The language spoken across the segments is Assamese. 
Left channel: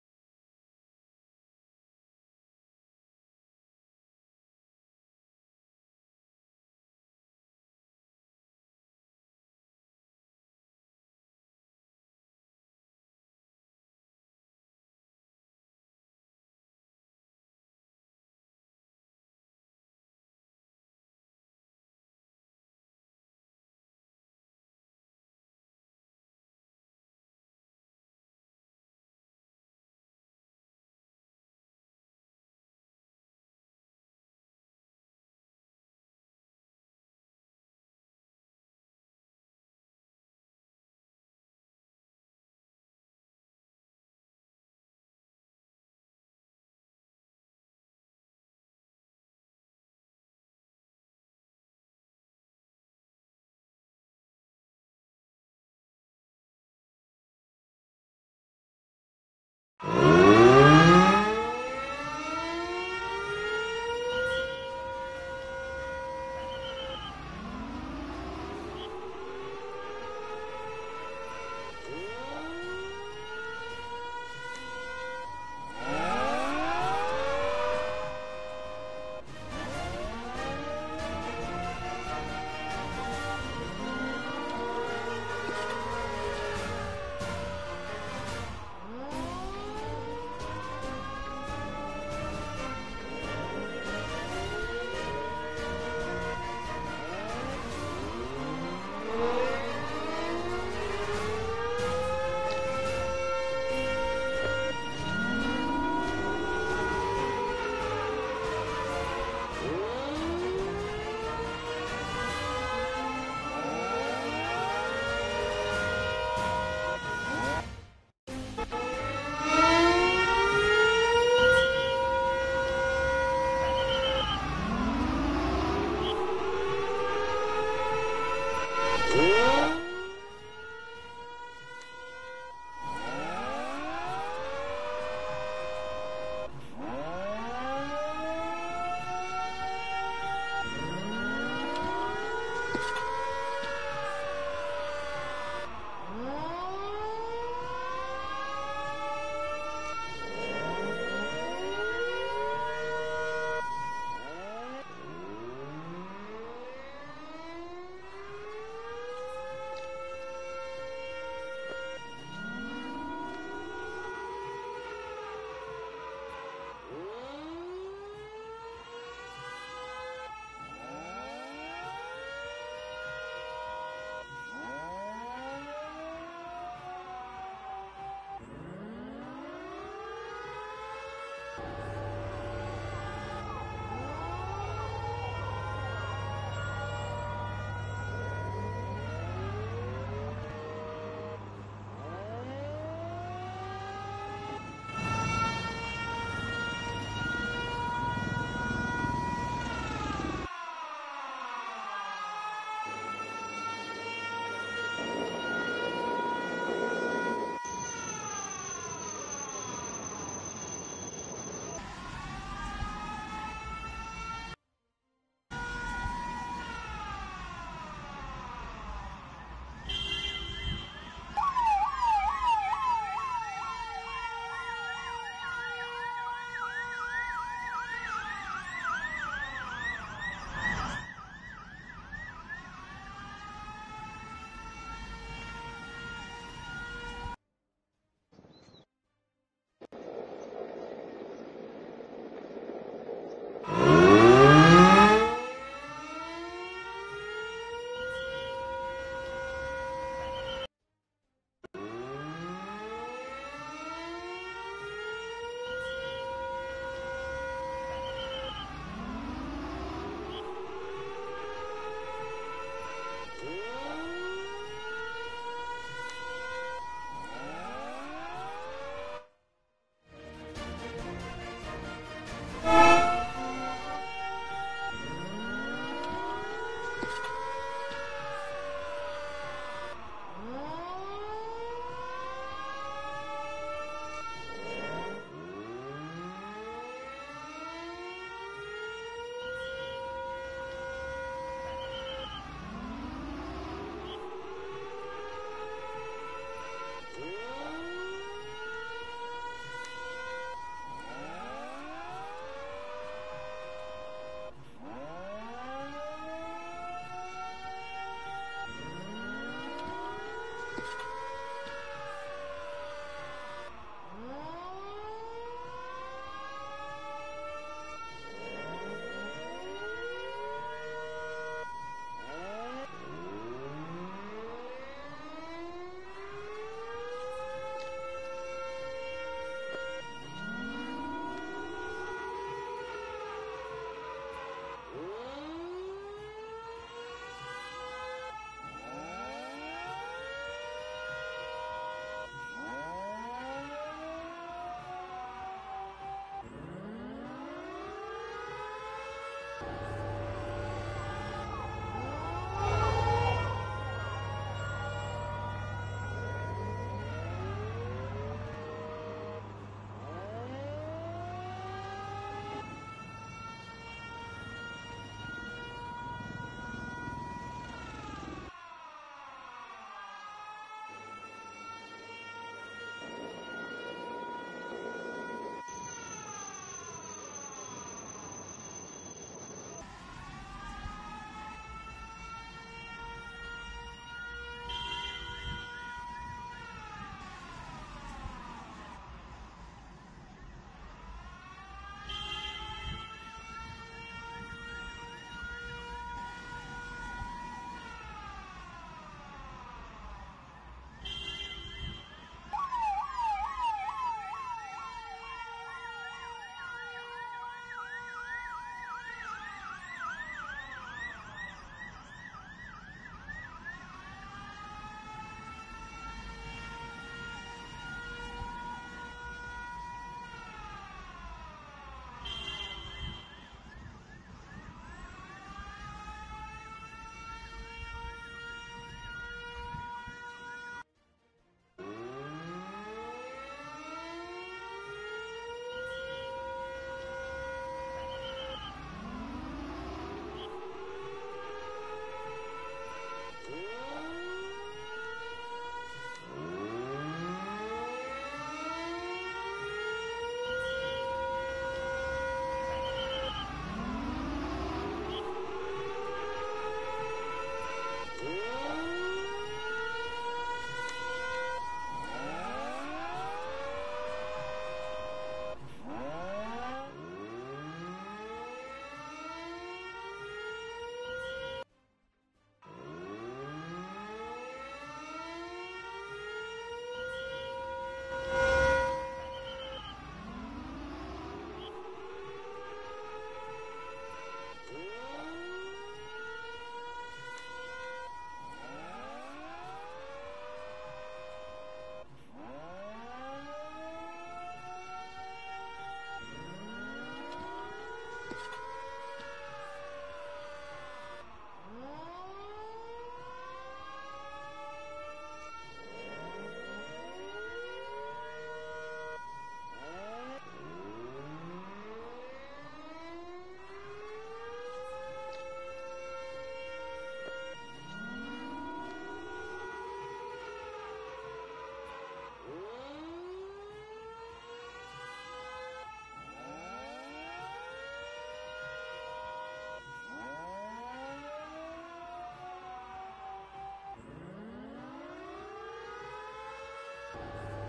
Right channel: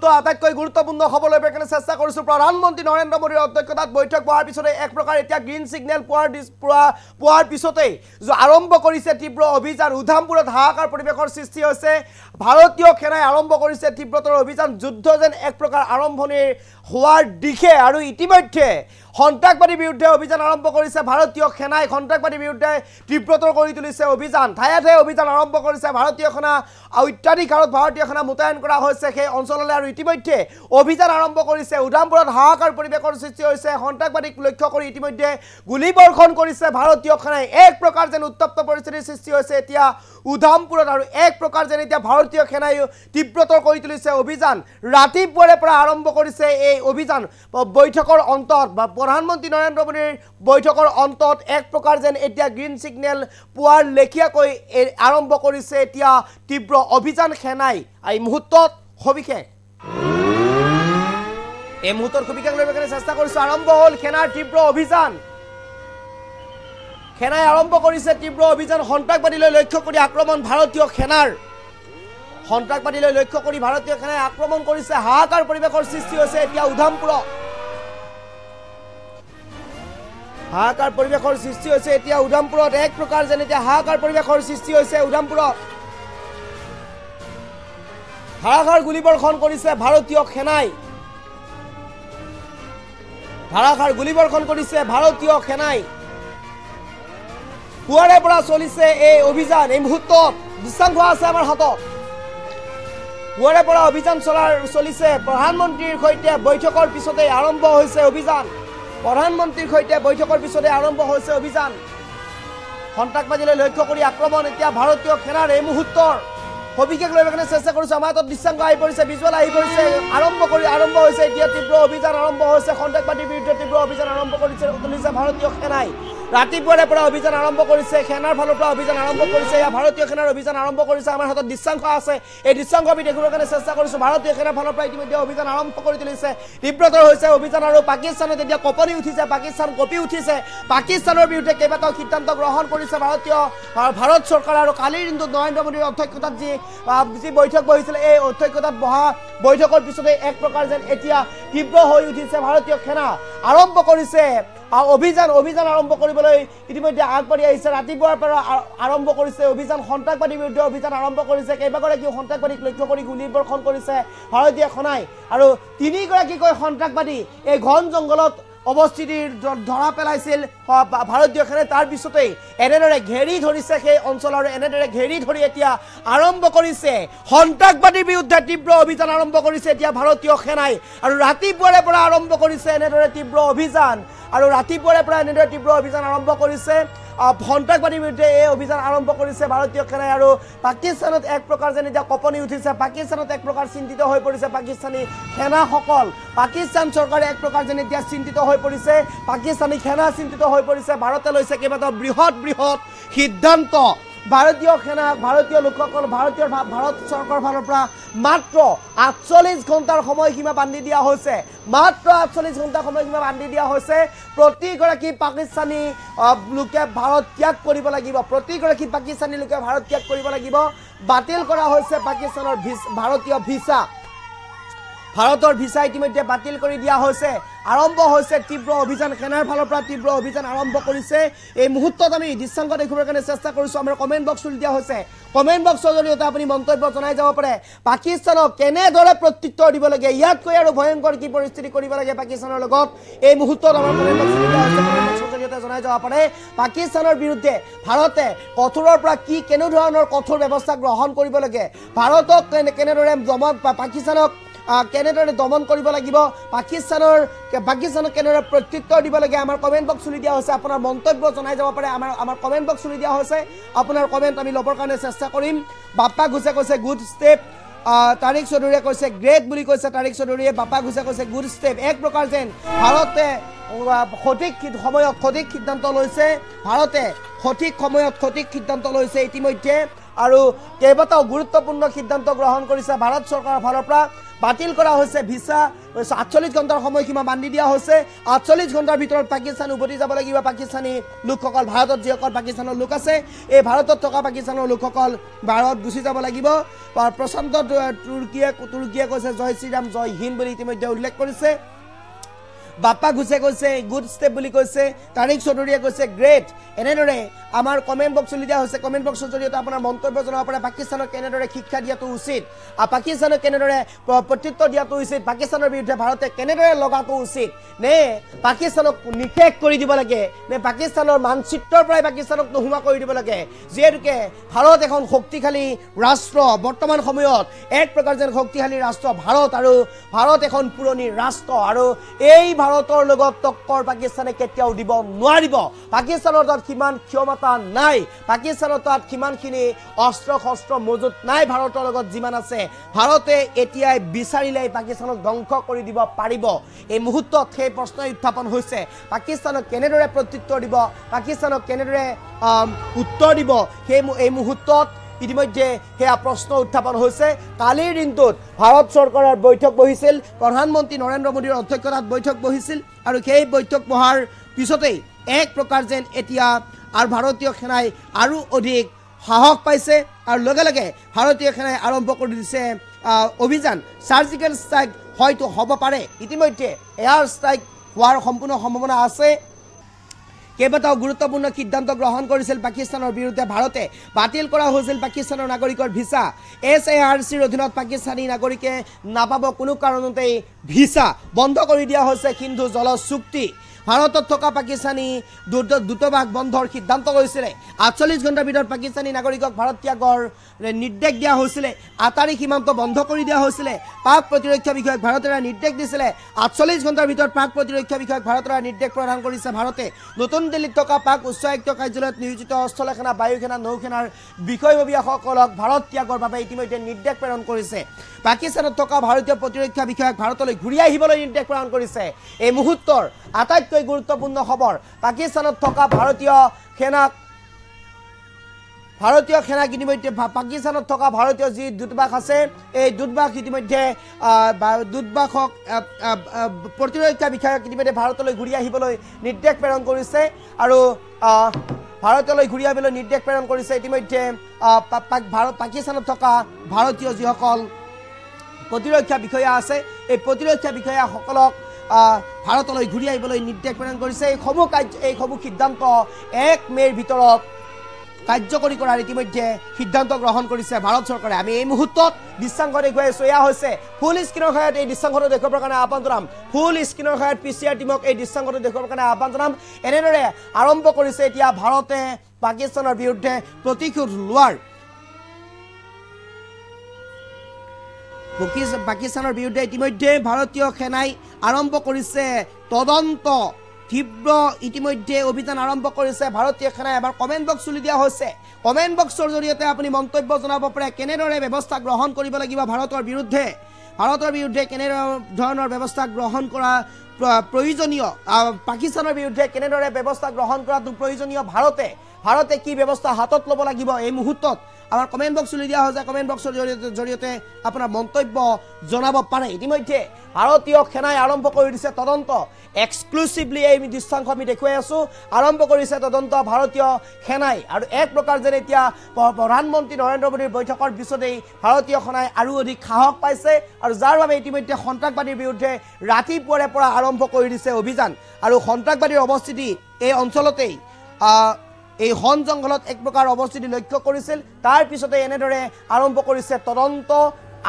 মুহূৰ্তৰ আটাইতকৈ গুৰুত্বপূৰ্ণ খবৰ লৈ পেলাই চেষ্টা কৰিছো প্ৰধানমন্ত্ৰী নৰেন্দ্ৰ মোদীৰ অধ্যক্ষতাত বৈঠক হোৱাৰ পিছতে এক প্ৰকাৰ এতিয়া গ্ৰীণ সিগনেল পোৱাৰ পিছতে আৰম্ভ কৰিছে তীব্ৰ অভিযান উধামপুৰত হাহাকাৰ পৰিৱেশৰ সৃষ্টি হৈছে ভাৰতীয় সেনাই আৰম্ভ কৰিছে তীব্ৰতৰ অভিযান যুদ্ধ যেন এক প্ৰকাৰ আৰম্ভণিৰ হোৱাৰ দিশে আৰু ইতিমধ্যে সন্ত্ৰাসবাদীৰ বিৰুদ্ধে অভিযান আৰম্ভ কৰিছে ভাৰতীয় সেনাই সন্ত্ৰাসবাদীৰ বিৰুদ্ধে তীব্ৰতৰ কৰি তুলিছে অভিযান ঠায়ে ঠায়ে অভিযান আৰম্ভ কৰিছে ভাৰতীয় সেনা অত্যাধিক হাৰত ভাৰতীয় সেনা মোতায়েন কৰা হৈছে সেই অঞ্চললৈ আৰু ইতিমধ্যে অভিযান আৰম্ভ কৰিছে উধামপুৰত হাহাকাৰ পৰিৱেশৰ সৃষ্টি হৈছে সন্ত্ৰাসবাদীক লক্ষ্য কৰি ইতিমধ্যে গুলীবৰ্ষণ কৰিছে ভাৰতীয় সেনাই এক প্ৰকাৰ যেন উত্তপ্ত পৰিস্থিতিৰ সৃষ্টি হৈছে এতিয়া উধামপুৰত আৰু এক প্ৰকাৰ যেন এতিয়া ভাৰতীয় সেনাই তীব্ৰতৰ কৰি তুলিছে অভিযান ৰাতিপুৱাৰে পৰা আৰম্ভ কৰিছে এই অভিযান বৈঠকৰ অন্তত প্ৰধানমন্ত্ৰী নৰেন্দ্ৰ মোদীৰ বৈঠকৰ অন্তত এক প্ৰকাৰ যেন এতিয়া গ্ৰীণ সিগনেল পোৱাৰ লেখিয়াকৈ আৰম্ভ কৰিছে এতিয়া তীব্ৰ অভিযান সেনাই এই মুহূৰ্তত সবিশেষ এই মুহূৰ্তত সবিশেষ লৈ চেষ্টা কৰিছো আৰম্ভ হ'ল সেনাৰ তীব্ৰ অভিযান সেনাই আৰম্ভ কৰিছে তীব্ৰ অভিযান সন্ত্ৰাসবাদীলৈ লক্ষ্য কৰি আক্ৰমণ ভাৰতীয় সেনাৰ সন্ত্ৰাসবাদীলৈ লক্ষ্য কৰি ভাৰতীয় সেনাই আক্ৰমণ কৰিছে হাহাকাৰ পৰিৱেশৰ সৃষ্টি হৈছে এতিয়া উধামপুৰত হাহাকাৰ পৰিৱেশৰ সৃষ্টি হৈছে এতিয়া উধামপুৰত এক প্ৰকাৰ যেন এতিয়া হাহাকাৰ পৰিৱেশৰ সৃষ্টি হৈছে উধামপুৰত ধাৰাসাৰ গুলীবৰ্ষণ কৰিছে ভাৰতীয় সেনাই ধাৰাসাৰ গুলীবৰ্ষণ কৰিছে ভাৰতীয় সেনাই পুৱাৰে পৰা চলিছে এই অভিযান এই মুহূৰ্তত দৃশ্যাংশ আছে আমাৰ হাতত পুৱাৰে পৰা অভিযান চলিছে প্ৰধানমন্ত্ৰীৰ সৈতে বৈঠকৰ পিছতে আৰম্ভ হৈছে অভিযান প্ৰধানমন্ত্ৰীৰ সৈতে বৈঠকৰ পিছতে আৰম্ভ হৈছে অভিযান সন্ত্ৰাসবাদীলৈ লক্ষ্য কৰি আক্ৰমণ এতিয়া ভাৰতীয় সেনাৰ এই মুহূৰ্তৰ সবিশেষ লৈ চেষ্টা কৰিছো আমাৰ হাতত দৃশ্যাংশ আহি পৰিছে ভিজুৱেল আহি পৰিছে আৰম্ভ হৈছে এতিয়া তীব্ৰ অভিযান আৰম্ভ হৈছে সন্ত্ৰাসবাদীৰ বিৰুদ্ধে তীব্ৰ অভিযান আৰম্ভ কৰিছে ভাৰতীয় সেনাই ৰাতিপুৱাৰে পৰা অভিযান আৰম্ভ কৰিছে সেনাৰ ফালৰ পৰা অভিযান আৰম্ভ কৰিছে ভাৰতীয় সেনাৰ অভিযান আৰম্ভ কৰিছে আমাৰ হাতত দৃশ্যাংশ আছে এই দৃশ্যাংশ আমি দেখিবৰ কাৰণে চেষ্টা কৰিছো ভাৰতীয় সেনাৰ ফালৰ পৰা ইতিমধ্যে অভিযান আৰম্ভ কৰি তুলিছে তীব্ৰতৰ হৈছে অভিযান আৰু পাকিস্তানত এতিয়া কঁপনি উঠিছে পাকিস্তান কঁপি উঠিছে পাকিস্তানৰ বিৰুদ্ধে কেইবাটাও সিদ্ধান্ত গ্ৰহণ কৰিছে ভাৰত চৰকাৰ আৰু কালিৰ দিনটোত নৰেন্দ্ৰ মোদীৰ অধ্যক্ষতাত যি বৈঠক বহিছিল এই অধ্যক্ষতাত বহা বৈঠকৰ পিছতে এক প্ৰকাৰ যেন এতিয়া তীব্ৰ হৈ উঠিছে ভাৰতীয় সেনা আৰম্ভ কৰিছে অভিযান আৰম্ভ কৰিবলৈ ইতিমধ্যে আগবাঢ়ি আহিছে ৰাতিপুৱাৰ পৰা আৰম্ভ কৰিছে অভিযান সন্ত্ৰাসবাদীৰ বিৰুদ্ধে অভিযান আৰম্ভ কৰিছে কেইবাগৰাকী সন্ত্ৰাসবাদীক লক্ষ্য কৰি গুলীবৰ্ষণ কৰিছে ভাৰতীয় সেনাই আৰু তিনিগৰাকীকৈ সন্ত্ৰাসবাদী এই ঘন জংঘলত অৱস্থিতিৰ ধৰা পেলাইছিল ভাৰতীয় সেনাই তাৰ পিছতেই এনেদৰে ঘেৰি ধৰিছে সেই অঞ্চল আৰু এনেদৰে ঘেৰি ধৰি এতিয়া আৰম্ভ কৰিছে সন্ত্ৰাসবাদীৰ বিৰুদ্ধে তীব্ৰ অভিযান আৰম্ভ কৰিছে এতিয়া ভাৰতীয় সেনাই আৰু ৰাতিপুৱাৰে পৰা আৰম্ভ কৰিছে এনেদৰে তীব্ৰ অভিযান আৰু ৰাতিপুৱাৰে পৰা এনেদৰে তীব্ৰ অভিযান আৰম্ভ কৰিছে সন্ত্ৰাসবাদীৰ বিৰুদ্ধে এই অভিযান আৰম্ভ কৰিছে ভাৰতীয় সেনাই আৰু পাকিস্তানত এক প্ৰকাৰ যেন এতিয়া কঁপনি উঠিছে পাকিস্তানত এক প্ৰকাৰ চিন্তিত হৈ পৰিছে পাকিস্তানী সেনাসকল পাকিস্তান চৰকাৰে এক প্ৰকাৰ যেন এতিয়া চিন্তিত হৈ পৰিছে পাকিস্তানী সেনা চিন্তিত হৈ পৰিছে ভাৰতে লৈছে কেইবাটাও বৃহৎ সিদ্ধান্ত ভাৰতীয় সেনা ভাৰতীয় লোকসকল ভাৰত চৰকাৰৰ ফালৰ পৰা মাত্ৰ ৪৮ ঘণ্টাৰ সময়সীমা বান্ধি দিয়া হৈছে মাত্ৰ ৪৮ ঘণ্টাৰ সময়সীমা বান্ধি দিয়া হৈছে প্ৰতিগৰাকী পাকিস্তানী লোকে ভাৰত ত্যাগ কৰিব লাগিব প্ৰতিগৰাকী পাকিস্তানী লোকে ভাৰত ত্যাগ কৰিব লাগিব বাতিল কৰা হৈছে পাকিস্তানৰ ভাৰতীয় ভিছা ভাৰতৰ ভিছা ইতিমধ্যে বাতিল কৰি দিয়া হৈছে আৰম্ভ হৈছে তীব্ৰ অভিযান সেনাৰ ফালৰ পৰা তীব্ৰ অভিযান আৰম্ভ কৰিছে এই মুহূৰ্তত আমি দৃশ্যাংশ দেখিবৰ কাৰণে চেষ্টা কৰিছো আমাৰ কমেণ্ট বক্স খুলি দিয়া হৈছে কমেণ্ট বক্সৰ জৰিয়তে আপুনি মন্তব্য জনাই যাব পাৰে পাকিস্তানক কেনেদৰে প্ৰত্যুত্তৰ দিব লাগে ইয়াতকৈ আৰু ভয়ংকৰ কি পৰিস্থিতি কৰিব লাগে পাকিস্তানৰ লগত এই মুহূৰ্তত আমাৰ জনাই যাব পাৰে পাকিস্তানৰ বিৰুদ্ধে ভাৰতে কঠোৰৰ পৰা কি কেনেধৰণৰ কঠোৰ ব্যৱস্থা গ্ৰহণ কৰিব লাগে ভাৰতক কেনেদৰে পাকিস্তানক কেনেদৰে দমন কৰিব লাগিব পাকিস্তানক কেনেদৰে প্ৰত্যুত্তৰ দিব লাগে আমাৰ কমেণ্ট বক্স খুলি দিয়া হৈছে আপোনাৰ মন্তব্য জনাই যাব পাৰে আমাৰ কমেণ্ট বক্স খুলি দিয়া হৈছে আপোনাৰ কমেণ্ট আমি ল'বৰ কাৰণে চেষ্টা কৰিম বাপ্পা ঘোষে কৈছে গুড ষ্টেপ তাৰিক চৌধুৰীয়ে কৈছে গ্ৰেট বুলি কৈছে তাৰিক চৌধুৰীয়ে বাপ্পা ঘোষে কৈছে গুড ষ্টেপ এক প্ৰকাৰ যেন ভাৰতে সঠিক সময়ত সঠিক সিদ্ধান্ত লৈছে ভাৰতে সঠিক সময়ত সঠিক সিদ্ধান্ত লৈছে ইতিমধ্যে আৰু কেইবাটাও গুৰুত্বপূৰ্ণ সিদ্ধান্ত গ্ৰহণ কৰিছে ভাৰত চৰকাৰৰ ফালৰ পৰা বাতিল কৰা হৈছে ভিসা 48 ঘণ্টাৰ সময়সীমা বান্ধি দিয়া হৈছে 48 ঘণ্টাৰ ভিতৰত পাকিস্তান উভতি যাব লাগিব পাকিস্তানী লোকসকল ভাৰতত যিসকল পাকিস্তানৰ লোক আছে এই ভাৰতত থকা পাকিস্তানৰ লোকসকল ভাৰত গুচি যাব লাগিব প্ৰশান্ত তুৰ্কীয়ে কৈছে জয় শ্ৰীৰাম জয় হিন্দ বুলি ইতিমধ্যে উল্লেখ কৰিছে বাপ্পা ঘুষে কৈছে গুড ষ্টেপ বুলি কৈছে তাৰিক চৌধুৰীয়ে কৈছে গ্ৰেট এনেদৰে আমাৰ কমেন্ট বক্স চলি দিয়া হৈছে কমেন্ট বক্সৰ জৰিয়তে আপোনাৰ মন্তব্য জনাব পাৰে পাকিস্তানক কেনেদৰে শিক্ষা দিয়াটো উচিত আৰু পাকিস্তানক কেনেদৰে প্ৰত্যুত্তৰ দিয়াটো উচিত পাকিস্তানৰ বিৰুদ্ধে ভাৰতে কেনেদৰে লগাটো উচিত নে পাকিস্তানক নিষেধ কৰি দিব লাগে নে পাকিস্তানৰ মানচিত্ৰৰ পৰাই পাকিস্তানক নোহোৱা কৰি দিব লাগে যিহেতুকে ভাৰত এখন শক্তিশালী ৰাষ্ট্ৰ বৰ্তমান সময়ত এক প্ৰকাৰ যেন শক্তিশালী ৰাষ্ট্ৰ ভাৰত আৰু ভাৰত এখন পুৰণি ৰাষ্ট্ৰ আৰু এই ভাৰতৰ লগত টক্কৰ পাকিস্তানে কেতিয়াও দিব নোৱাৰিব পাকিস্তানৰ তাত কিমান ক্ষমতা নাই পাকিস্তানৰ তাত কিমানখিনি অস্ত্ৰ শস্ত্ৰ মজুত নাই ভাৰতৰ লগত যিমান আছে ভাৰতে এতিয়াই বিচাৰিলে পাকিস্তানক ধ্বংস কৰি দিব পাৰিব এই মুহূৰ্তত সেই প্ৰশ্ন উত্থাপন হৈছে পাকিস্তানক কেনেদৰে প্ৰত্যুত্তৰ দিব পাকিস্তানক কেনেদৰে উত্তৰ দিব এই মুহূৰ্তত ইতিমধ্যে সেয়া প্ৰশ্ন উত্থাপন হৈছে কালিৰ দিনটোত ভাৰত চৰকাৰৰ বৈঠক বহিছিল প্ৰধানমন্ত্ৰী নৰেন্দ্ৰ মোদীৰ অধ্যক্ষতাত বৈঠক বহিছিল আৰু সেই বৈঠক বহাৰ পিছতেই এক প্ৰকাৰ যেন এতিয়া আৰু ভাৰতীয় সেনাই আৰু অধিক সাহস পাইছে আৰু লগে লগে ভাৰতীয় সেনাই আৰম্ভ কৰি দিছে অভিযান সাৰ্জিকেল ষ্ট্ৰাইক হয়তো হ'ব পাৰে ইতিমধ্যে এয়াৰ ষ্ট্ৰাইক হোৱাৰ সম্পূৰ্ণ সম্ভাৱনা আছে কেইবাটাও গুৰুত্বপূৰ্ণ সিদ্ধান্ত গ্ৰহণ কৰিছিল পাকিস্তানৰ বিৰুদ্ধে ভাৰতে বাতিল কৰা হৈছিল পাকিস্তানৰ নাগৰিকৰ ভিসা SARCৰ অধীনত পাকিস্তানী নাগৰিকে নাপাব কোনো কাৰণতেই ভিসা বন্ধ কৰি দিয়া হৈছে সিন্ধু জল চুক্তি ভাৰতত থকা পাকিস্তানী দূতাবাস বন্ধৰ সিদ্ধান্ত কৰিছিল 48 ঘণ্টাৰ ভিতৰত পাকিস্তানী নাগৰিকক ভাৰত ত্যাগৰ নিৰ্দেশ দিয়া হৈছিল আটাৰী সীমান্ত বন্ধ কৰি দিয়া হৈছিল পাক প্ৰতিৰক্ষা বিষয়ক ভাৰতেৰে নিৰ্দেশ দিছিল 48 ঘণ্টাৰ ভিতৰত পাক প্ৰতিৰক্ষা বিষয়ক ভাৰতেৰে নিৰ্দেশ প্ৰদান কৰিছে ভাৰতে নতুন দিল্লীত থকা পাক উচ্চায়ুক্ত কাৰ্যালয়ত নিয়োজিত স্থলসেনা বায়ুসেনা নৌসেনাৰ বিষয়ববীয়াসকলক ভাৰত ত্যাগৰ বাবে ইতিমধ্যে নিৰ্দেশ প্ৰেৰণ কৰিছে পাকিস্তানত থকা ভাৰতীয় প্ৰতিৰক্ষা বিষয়ক ভাৰতলৈ ঘূৰি আহিবলৈ নিৰ্দেশ প্ৰদান কৰিছে এই মুহূৰ্তৰ আটাইতকৈ গুৰুত্বপূৰ্ণ খবৰ পাকিস্তানত থকা ভাৰতীয় সেনাক ইতিমধ্যে পাকিস্তানত থকা ভাৰতীয় যি দূতাবাস আছে এই দূতাবাস ইতিমধ্যে দূতাবাসক প্ৰতিৰক্ষা বিষয়ক ইতিমধ্যে ভাৰতলৈ ঘূৰি আহিবলৈ নিৰ্দেশ প্ৰেৰণ কৰিছে আৰু ভাৰতলৈ ঘূৰি আহিবলৈ নিৰ্দেশ প্ৰেৰণ কৰিছে ইতিমধ্যে পাকিস্তানত থকা ভাৰতীয় যিসকল প্ৰতিৰক্ষা বিষয়া আছে এই প্ৰতিৰক্ষা বিষয়াসকলক ভাৰতলৈ ঘূৰি আহিবলৈ নিৰ্দেশ প্ৰেৰণ কৰিছে এই সমূহ সিদ্ধান্ত 1 মে'ৰ ভিতৰত কাৰ্যকৰী কৰাৰ ইতিমধ্যে সিদ্ধান্ত গ্ৰহণ কৰিছে ভাৰত চৰকাৰে আমি এই মুহূৰ্তত দৃশ্যাংশ দেখুৱাই আছো এয়া হৈছে ফুল স্ক্ৰীনৰ সহায়ত এই দৃশ্যাংশটো দেখুৱাবৰ কাৰণে আহ্বান জনাম ফুল স্ক্ৰীনৰ সহায়ত PCR টিমক এই দৃশ্যাংশটো দেখুৱাবৰ কাৰণে আহ্বান জনাম এনেদৰে আৰম্ভ কৰিছে এতিয়া ভাৰতে পাকিস্তানৰ বিৰুদ্ধে প্ৰতিশোধ লোৱাৰ পাকিস্তানৰ বিৰুদ্ধে ইতিমধ্যে ভাৰতীয় সেনাই আৰম্ভ কৰিছে তদন্ত তীব্ৰ ইতিমধ্যে অভিযান আৰম্ভ কৰিছে ভাৰতীয় সেনাই এবাৰ কমেন্ট বক্স চলি দিয়া হৈছে কমেন্ট বক্সৰ জৰিয়তে আপুনি মন্তব্য জনাব পাৰে কেনেদৰে ব্যৱস্থা গ্ৰহণ কৰিব লাগিব ভাৰতৰ বিৰুদ্ধে কেনে ধৰণৰ ব্যৱস্থা গ্ৰহণ কৰা প্ৰয়োজনীয় পাকিস্তানৰ বিৰুদ্ধে কেনেদৰে ব্যৱস্থা গ্ৰহণ কৰাটো প্ৰয়োজনীয় ভাৰতে কি ব্যৱস্থা হাতত ল'ব লাগিব এই মুহূৰ্তত আমাৰ কমেন্ট বক্স চলি দিয়া হৈছে কমেন্ট বক্সৰ জৰিয়তে আপোনাৰ মন্তব্য জনাব পাৰে ইতিমধ্যে ভাৰতীয় সেনাই আৰম্ভ কৰি দিছে তদন্ত এক্সক্লুসিভলি এই দৃশ্যাংশ আমি দেখুৱাই আছো আৰম্ভ কৰিছে তদন্ত ভাৰতীয় সেনাই আৰু এক প্ৰকাৰ যেন এতিয়া প্ৰধানমন্ত্ৰী নৰেন্দ্ৰ মোদীৰ বৈঠকৰ পিছতেই ভাৰতীয় সেনাই আৰু অধিক সাহস পাইছে আৰু যাৰ বাবে ইতিমধ্যে সন্ত্ৰাসবাদীৰ বিৰুদ্ধে ৰাতিপুৱাৰে পৰা আৰম্ভ কৰি দিছে অভিযান আৰু সন্ত্ৰাসবাদীৰ অৱস্থিতি এই অঞ্চলতেই এই হন জংঘলত এক প্ৰকাৰ অৱস্থিতি লক্ষ্য কৰিছিল তাৰ পিছতে এনেদৰে আৰম্ভ কৰিছে তদন্ত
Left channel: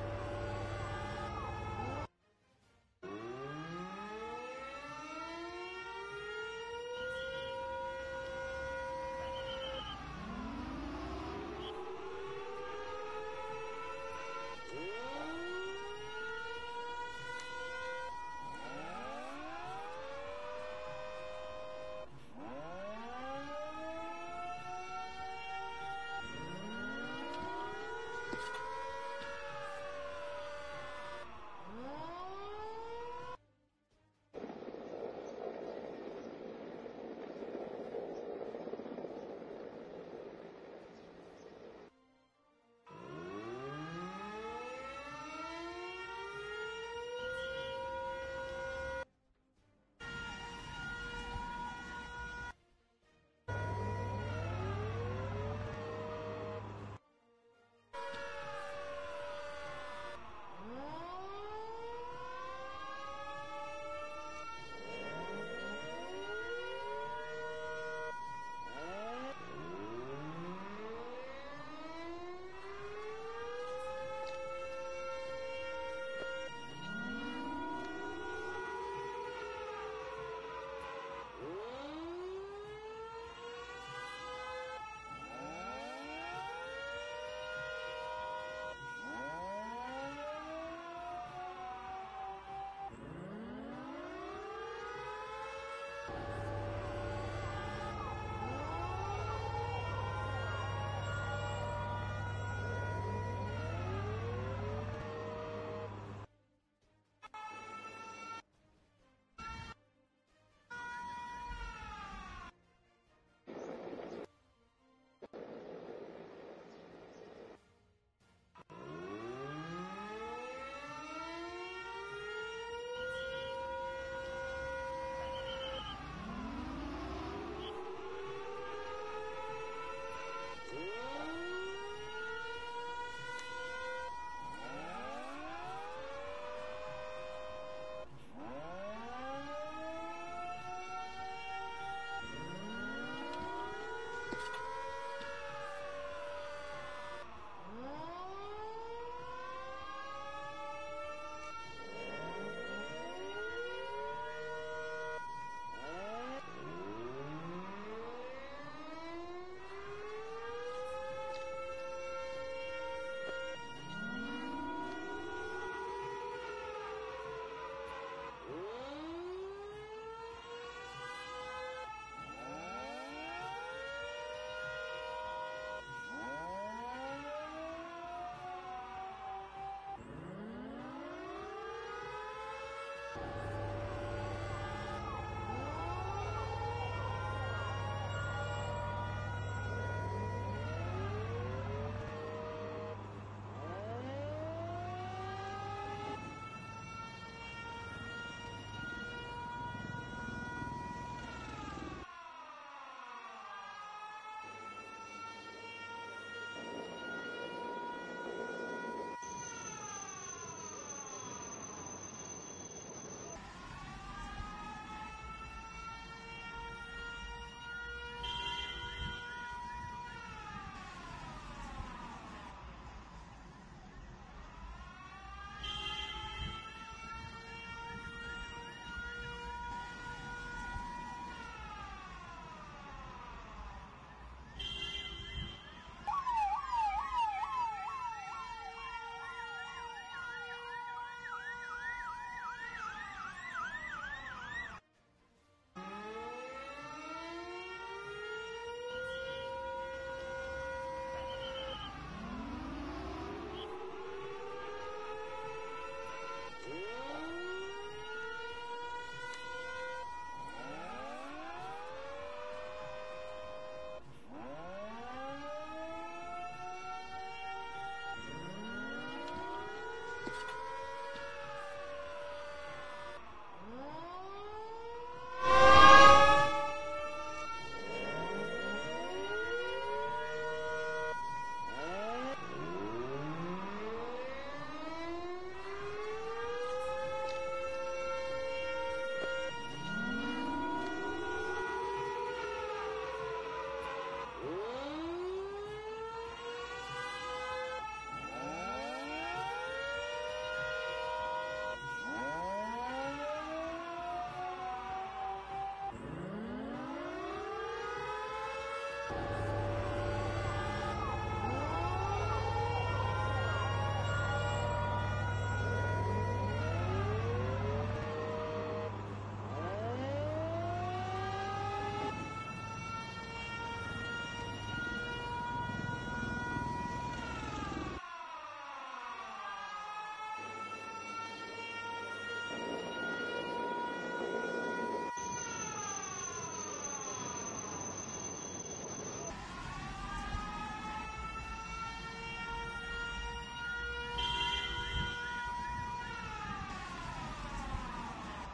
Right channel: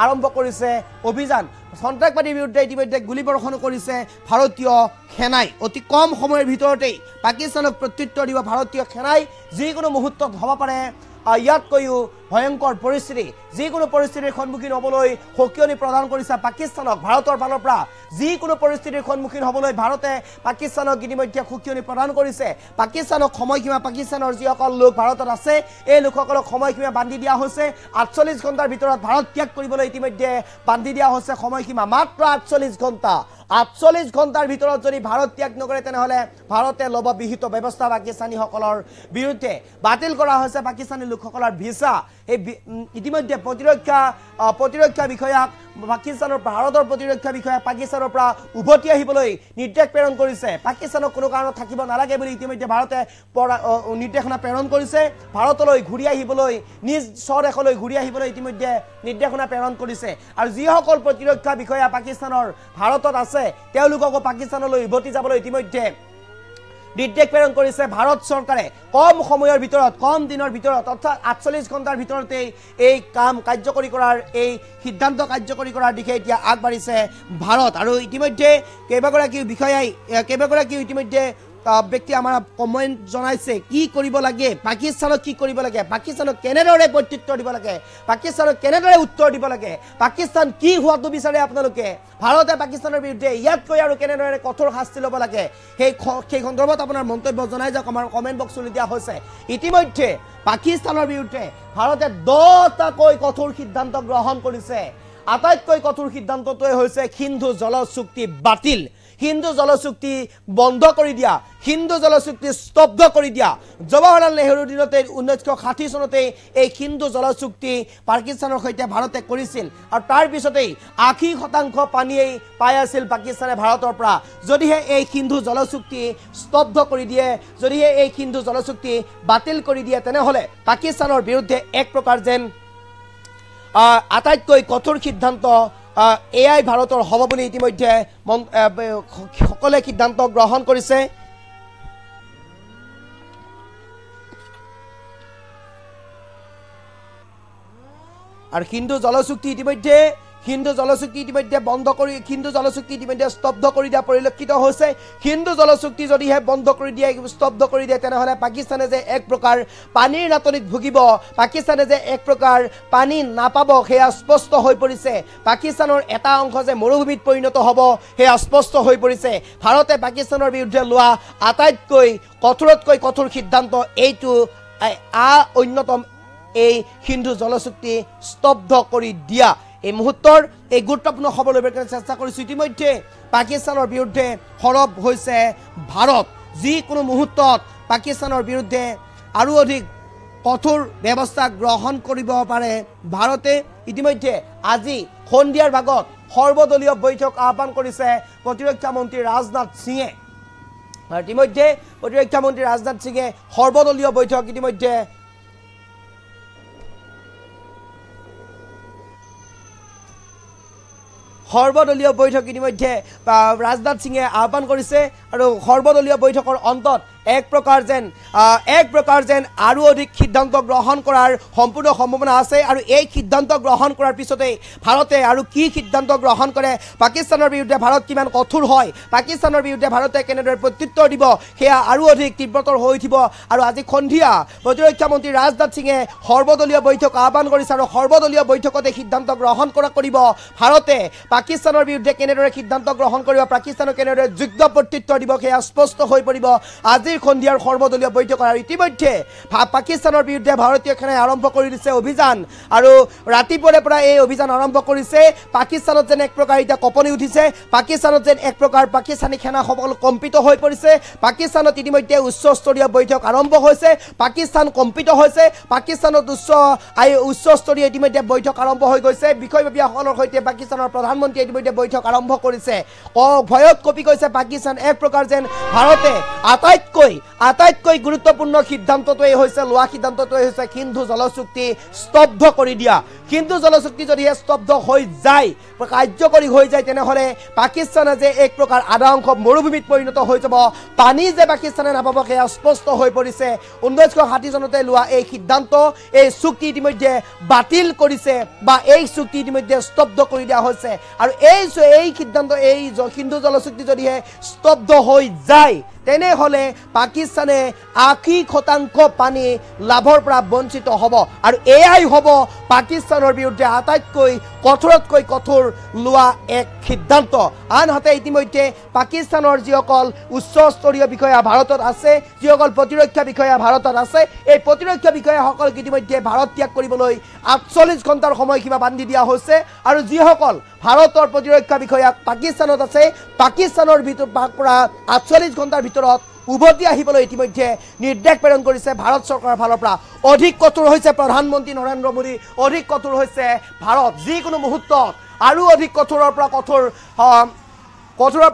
আৰম্ভ কৰিছে অভিযান সন্ত্ৰাসবাদীৰ বিৰুদ্ধে ইতিমধ্যে গুলীবৰ্ষণ কৰিছে ভাৰতীয় সেনাই অতি কম সময়ৰ ভিতৰতেই পাকিস্তানক প্ৰত্যুত্তৰ দিব ভাৰতীয় সেনাই যিকোনো মুহূৰ্তত হ'ব পাৰে ইয়াতকৈও ভয়ংকৰ পৰিস্থিতি যিকোনো পৰিস্থিতিৰ সন্মুখীন হ'বলৈ সকিয়নি প্ৰদান কৰিছে পাকিস্তানক ভাৰতৰ ফালৰ পৰা যিকোনো পৰিস্থিতিৰ সন্মুখীন হ'বলৈ ভাৰতে পাকিস্তানক ইতিমধ্যে সকিয়নি প্ৰদান কৰিছে পাকিস্তানক সময়সীমা পাকিস্তানৰ যিসকল লোক ভাৰতত আছে এই লোকসকলক সময়সীমা বান্ধি দিয়া হৈছে 48 ঘণ্টাৰ ভিতৰত ভাৰত ত্যাগ কৰিবলৈ ইতিমধ্যে বান্ধি দিয়া হৈছে সময়সীমা মাত্ৰ 48 ঘণ্টা 48 ঘণ্টাৰ ভিতৰত যদি ভাৰত ত্যাগ নকৰে তেনেহলে ভাৰতে ল'ব বিহিত ব্যৱস্থা পাকিস্তানীসকলৰ বিৰুদ্ধে বাতিল কৰা হৈছে পাকিস্তানী লোকসকলৰ ভিসা এই ইতিমধ্যে প্ৰতিৰক্ষা বিষয়াক পাকিস্তানৰ ভাৰতৰ প্ৰতিৰক্ষা বিষয়া পাকিস্তানৰ পৰা উভতি আহিবলৈ নিৰ্দেশ প্ৰেৰণ কৰিছে পাকিস্তানক কোনো কাৰণত থাকিব নালাগে বুলি ইতিমধ্যে ভাৰতে নিৰ্দেশনা প্ৰেৰণ কৰিছে ভাৰতলৈ ঘূৰি আহিবলৈ নিজ স্বদেশলৈ ঘূৰি আহিবলৈ ইতিমধ্যে নিৰ্দেশনা প্ৰেৰণ কৰিছে আৰু যিসকল প্ৰতিৰক্ষা বিষয়া পাকিস্তানৰ ভাৰতত আছে তেওঁলোকক পাকিস্তানলৈ উভতি যাবলৈ ইতিমধ্যে নিৰ্দেশ প্ৰেৰণ কৰিছে ভাৰত চৰকাৰে কম সময়ৰ ভিতৰত কম দিনৰ ভিতৰত অৰ্থাৎ 48 ঘণ্টাৰ ভিতৰতে এই কাম কাৰ্যকৰী কৰাৰ এই সিদ্ধান্ত কাৰ্যকৰী কৰাৰ দিশে এতিয়া আগবাঢ়িছে ভাৰত আৰু ইতিমধ্যে কেইবাগৰাকী বিষয়াই ইতিমধ্যে ব্যক্তি আমাৰ কমেন্ট জনাইছে কি কৰিব লাগে পাকিস্তানক কি কৰিব লাগে পাকিস্তানক কেনেদৰে প্ৰত্যুত্তৰ দিব লাগে পাকিস্তানক কেনেদৰে উত্তৰ দিব লাগে পাকিস্তান কি হোৱাটো বিচাৰে আপোনালোকে ভাৰতে পাকিস্তানৰ বিৰুদ্ধে ইয়াতকৈ আৰু কেনেদৰে কঠোৰ শাস্তি ল'ব লাগে সেই সন্দৰ্ভত আপোনাৰ মন্তব্য জনাই যাওক আমাৰ কমেন্ট বক্সত দিয়া হৈছে ইতিমধ্যে পাকিস্তানৰ বিৰুদ্ধে ভাৰতে 10টাকৈ কঠোৰ সিদ্ধান্ত গ্ৰহণ কৰিছে আটাইতকৈ কঠোৰ সিদ্ধান্তটোৱে হৈছে সিন্ধু জল চুক্তি বাতিল হিন্দু জলচুক্তি বন্ধ কৰি দিয়া হিন্দু জলচুক্তি স্তব্ধ কৰি দিয়া জৱাহৰলাল নেহৰুৰ দিনতে 1960 চনতে এই হিন্দু জলচুক্তি পাকিস্তানৰ সৈতে ভাৰতে কৰিছিল আৰু তাৰ পিছতেই 80% পানীয়ে পাই আছিল পাকিস্তানে ভাৰতৰ পৰা যদিহে এই হিন্দু জলচুক্তি স্তব্ধ কৰি দিয়ে যদিহে এই হিন্দু জলচুক্তি বাতিল কৰি দিয়ে তেনেহলে পাকিস্তানৰ বিৰুদ্ধে এক প্ৰকাৰ যেন আটাইতকৈ কঠোৰ সিদ্ধান্ত এআই ভাৰতৰ হ'ব বুলি ইতিমধ্যে সকলে সিদ্ধান্ত গ্ৰহণ কৰিছে আৰু হিন্দু জলচুক্তি ইতিমধ্যে বন্ধ কৰি হিন্দু জলচুক্তি ইতিমধ্যে স্তব্ধ কৰি দিয়া পৰিলক্ষিত হৈছে হিন্দু জলচুক্তি যদিহে বন্ধ কৰি দিয়ে স্তব্ধ কৰি দিয়ে তেনেহলে পাকিস্তানে যে এক প্ৰকাৰ পানীৰ নাটনিত ভুগিব পাকিস্তানে যে এক প্ৰকাৰ পানী নাপাব সেয়া স্পষ্ট হৈ পৰিছে পাকিস্তানৰ এটা অংশ যে মৰুভূমিত পৰিণত হ'ব সেয়া স্পষ্ট হৈ পৰিছে ভাৰতে পাকিস্তানৰ বিৰুদ্ধে লোৱা আটাইতকৈ কঠোৰতকৈ কঠোৰ সিদ্ধান্ত এইটো অন্যতম এই হিন্দু জলচুক্তি স্তব্ধ কৰি দিয়া এই মুহূৰ্তৰ এই গুৰুত্বপূৰ্ণ খবৰ ল'বলৈ চেষ্টা কৰিছোঁ ইতিমধ্যে পাকিস্তানৰ বিৰুদ্ধে সৰব হৈছে ভাৰত যিকোনো মুহূৰ্তত পাকিস্তানৰ বিৰুদ্ধে আৰু অধিক কঠোৰ ব্যৱস্থা গ্ৰহণ কৰিব পাৰে ভাৰতে ইতিমধ্যে আজি সন্ধিয়াৰ ভাগত সৰ্বদলীয় বৈঠক আহ্বান কৰিছে প্ৰতিৰক্ষা মন্ত্ৰী ৰাজনাথ সিঙে ইতিমধ্যে প্ৰতিৰক্ষা মন্ত্ৰী ৰাজনাথ সিঙে সৰ্বদলীয় বৈঠক ইতিমধ্যে সৰ্বদলীয় বৈঠক ইতিমধ্যে ৰাজনাথ সিঙে আহ্বান কৰিছে আৰু সৰ্বদলীয় বৈঠকৰ অন্তত এক প্ৰকাৰ যেন আৰু অধিক সিদ্ধান্ত গ্ৰহণ কৰাৰ সম্পূৰ্ণ সম্ভাৱনা আছে আৰু এই সিদ্ধান্ত গ্ৰহণ কৰাৰ পিছতে ভাৰতে আৰু কি সিদ্ধান্ত গ্ৰহণ কৰে পাকিস্তানৰ বিৰুদ্ধে ভাৰত কিমান কঠোৰ হয় পাকিস্তানৰ বিৰুদ্ধে ভাৰতে কেনেদৰে প্ৰত্যুত্তৰ দিব সেয়া আৰু অধিক তীব্ৰতৰ হৈ উঠিব আৰু আজি সন্ধিয়া প্ৰতিৰক্ষা মন্ত্ৰী ৰাজনাথ সিঙে সৰ্বদলীয় বৈঠক আহ্বান কৰিছে আৰু সৰ্বদলীয় বৈঠকতে সিদ্ধান্ত গ্ৰহণ কৰিব ভাৰতে পাকিস্তানৰ বিৰুদ্ধে কেনেদৰে সিদ্ধান্ত গ্ৰহণ কৰিব পাকিস্তানক কেনেদৰে যোগ্য প্ৰত্যুত্তৰ দিব সেয়া স্পষ্ট হৈ পৰিব আজিৰ সন্ধিয়াৰ সৰ্বদলীয় বৈঠকৰ আৰু ইতিমধ্যে পাকিস্তানৰ বিৰুদ্ধে ভাৰতীয় সেনাই আৰম্ভ কৰি দিছে অভিযান আৰু ৰাতিপুৱাৰে পৰা এই অভিযান আৰম্ভ কৰিছে পাকিস্তানত যেন এক প্ৰকাৰ এতিয়া কঁপনি উঠিছে পাকিস্তানত যেন এক প্ৰকাৰ পাকিস্তানী সেনাসকল কম্পিত হৈ পৰিছে পাকিস্তানত ইতিমধ্যে উচ্চস্তৰীয় বৈঠক আৰম্ভ হৈছে পাকিস্তান কম্পিত হৈছে পাকিস্তানত উচ্চস্তৰীয় ইতিমধ্যে বৈঠক আৰম্ভ হৈ গৈছে বিষয়ববীয়াসকলৰ সৈতে পাকিস্তানৰ প্ৰধানমন্ত্ৰীয়ে ইতিমধ্যে বৈঠক আৰম্ভ কৰিছে ভয়ত কঁপি গৈছে পাকিস্তান এক প্ৰকাৰ যেন ভাৰতে আটাইতকৈ গুৰুত্বপূৰ্ণ সিদ্ধান্তটোৱে হৈছে সিন্ধু জলচুক্তি স্তব্ধ কৰি দিয়া হিন্দু জলচুক্তি যদি স্তব্ধ হৈ যায় কাৰ্যকৰী হৈ যায় তেনেহলে পাকিস্তানে যে এক প্ৰকাৰ আধা অংশ মৰুভূমিত পৰিণত হৈ যাব পানী যে পাকিস্তানে নাপাব সেয়া স্পষ্ট হৈ পৰিছে 1960 চনতে লোৱা এই সিদ্ধান্ত এই চুক্তি ইতিমধ্যে বাতিল কৰিছে বা এই চুক্তি ইতিমধ্যে স্তব্ধ কৰি দিয়া হৈছে আৰু এই সিদ্ধান্ত এই হিন্দু জলচুক্তি যদি স্তব্ধ হৈ যায় তেনেহলে পাকিস্তানে 80% পানী লাভৰ পৰা বঞ্চিত হ'ব আৰু এয়াই হ'ব পাকিস্তানৰ বিৰুদ্ধে আটাইতকৈ কঠোৰতকৈ কঠোৰ লোৱা এক সিদ্ধান্ত আনহাতে ইতিমধ্যে পাকিস্তানৰ যিসকল উচ্চস্তৰীয় বিষয়া ভাৰতত আছে যিসকল প্ৰতিৰক্ষা বিষয়া ভাৰতত আছে এই প্ৰতিৰক্ষা বিষয়াসকলক ইতিমধ্যে ভাৰত ত্যাগ কৰিবলৈ ৪৮ ঘণ্টাৰ সময়সীমা বান্ধি দিয়া হৈছে আৰু যিসকল ভাৰতৰ প্ৰতিৰক্ষা বিষয়া পাকিস্তানত আছে পাকিস্তানৰ পৰা ৪৮ ঘণ্টাৰ ভিতৰত উভতি আহিবলৈ ইতিমধ্যে নিৰ্দেশ প্ৰেৰণ কৰিছে ভাৰত চৰকাৰৰ ফালৰ পৰা অধিক কঠোৰ হৈছে প্ৰধানমন্ত্ৰী নৰেন্দ্ৰ মোদী অধিক কঠোৰ হৈছে ভাৰত যিকোনো মুহূৰ্তত আৰু অধিক কঠোৰৰ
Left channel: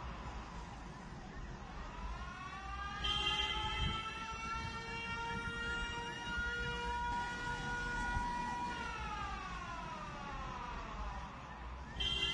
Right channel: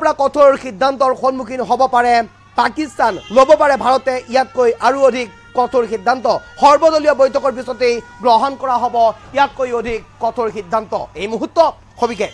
পৰা কঠোৰ সিদ্ধান্তৰ সন্মুখীন হ'ব পাৰে পাকিস্তান ল'ব পাৰে ভাৰতে ইয়াতকৈ আৰু অধিক কঠোৰ সিদ্ধান্ত সৰ্বদলীয় বৈঠকৰ পিছতেই গ্ৰহণ কৰা হ'ব ইয়াতকৈ অধিক কঠোৰ সিদ্ধান্ত এই মুহূৰ্তত সবিশেষ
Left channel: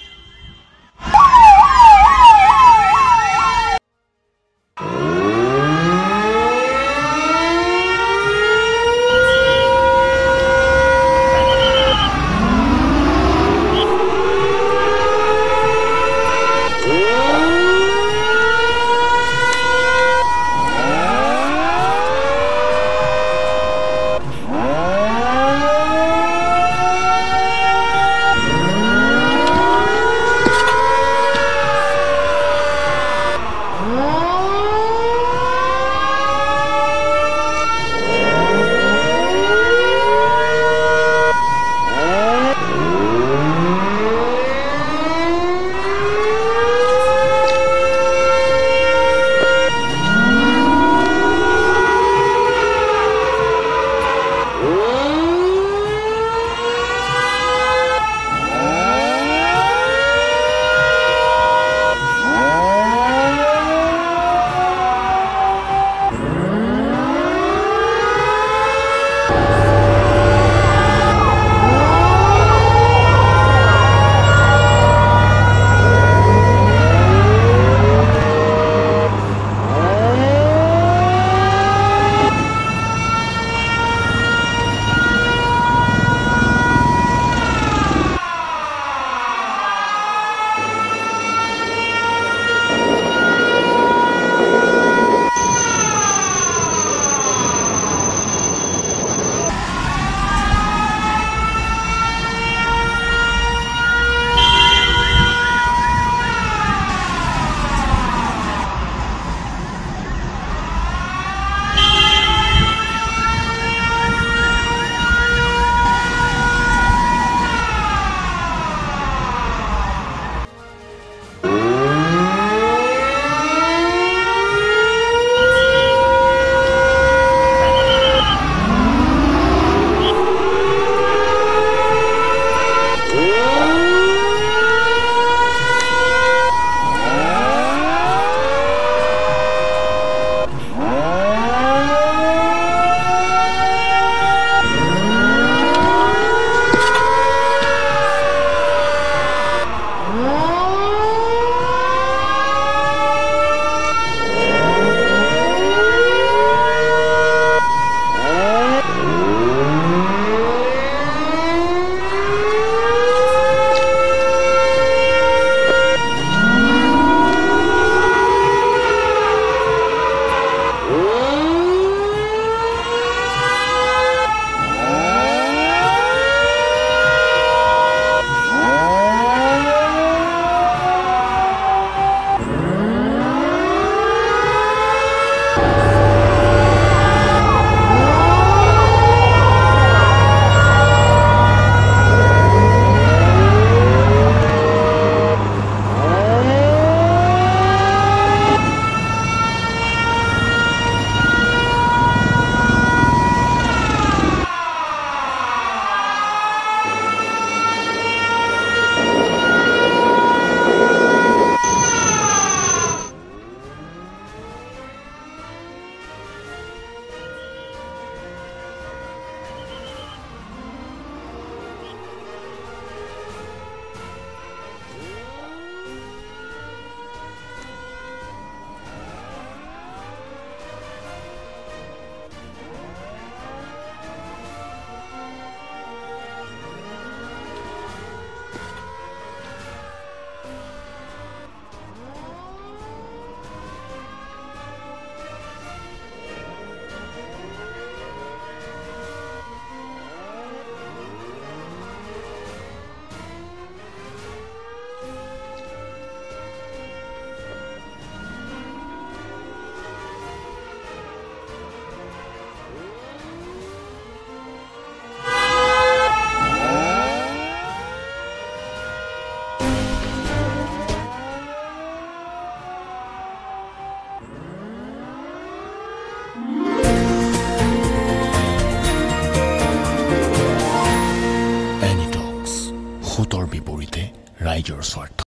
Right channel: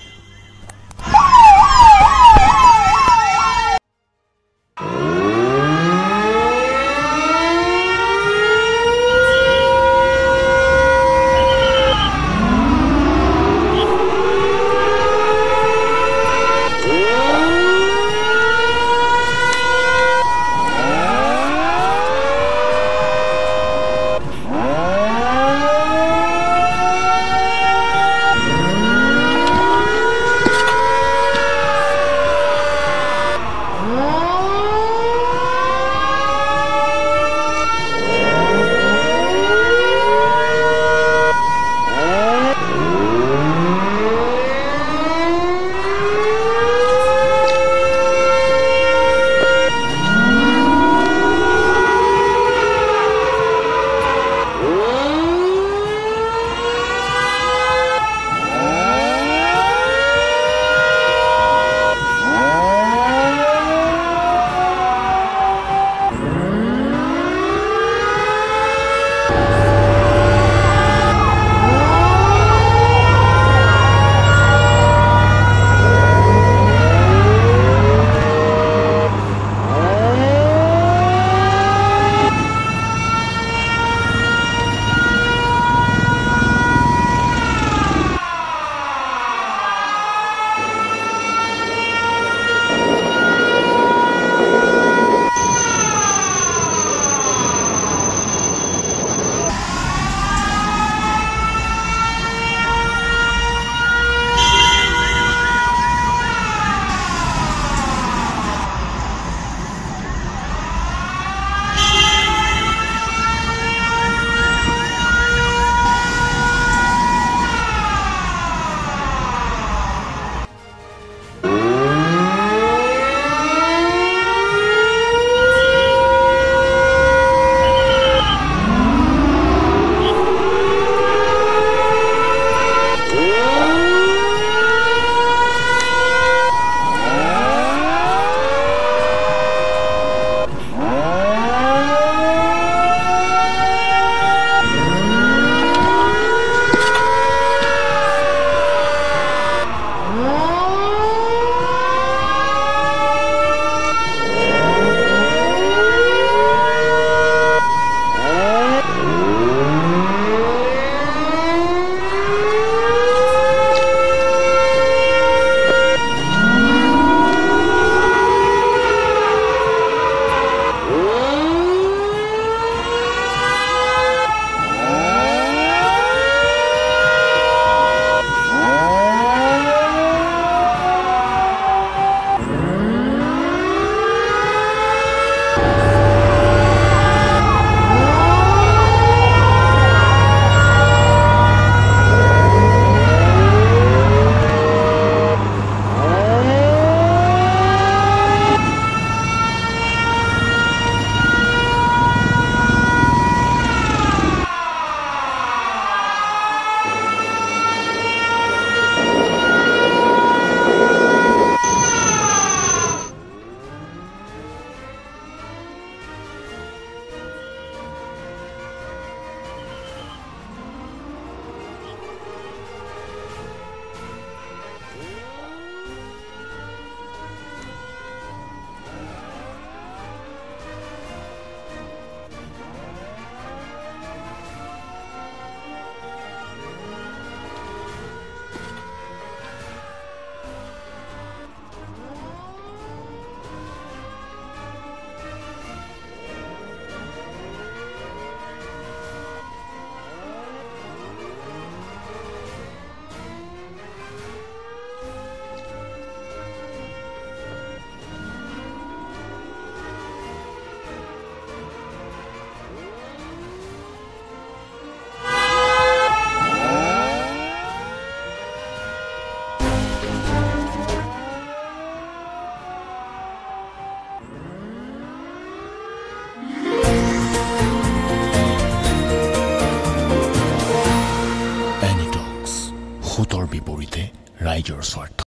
বিপৰীতে ৰাইজৰ স্বাৰ্থ।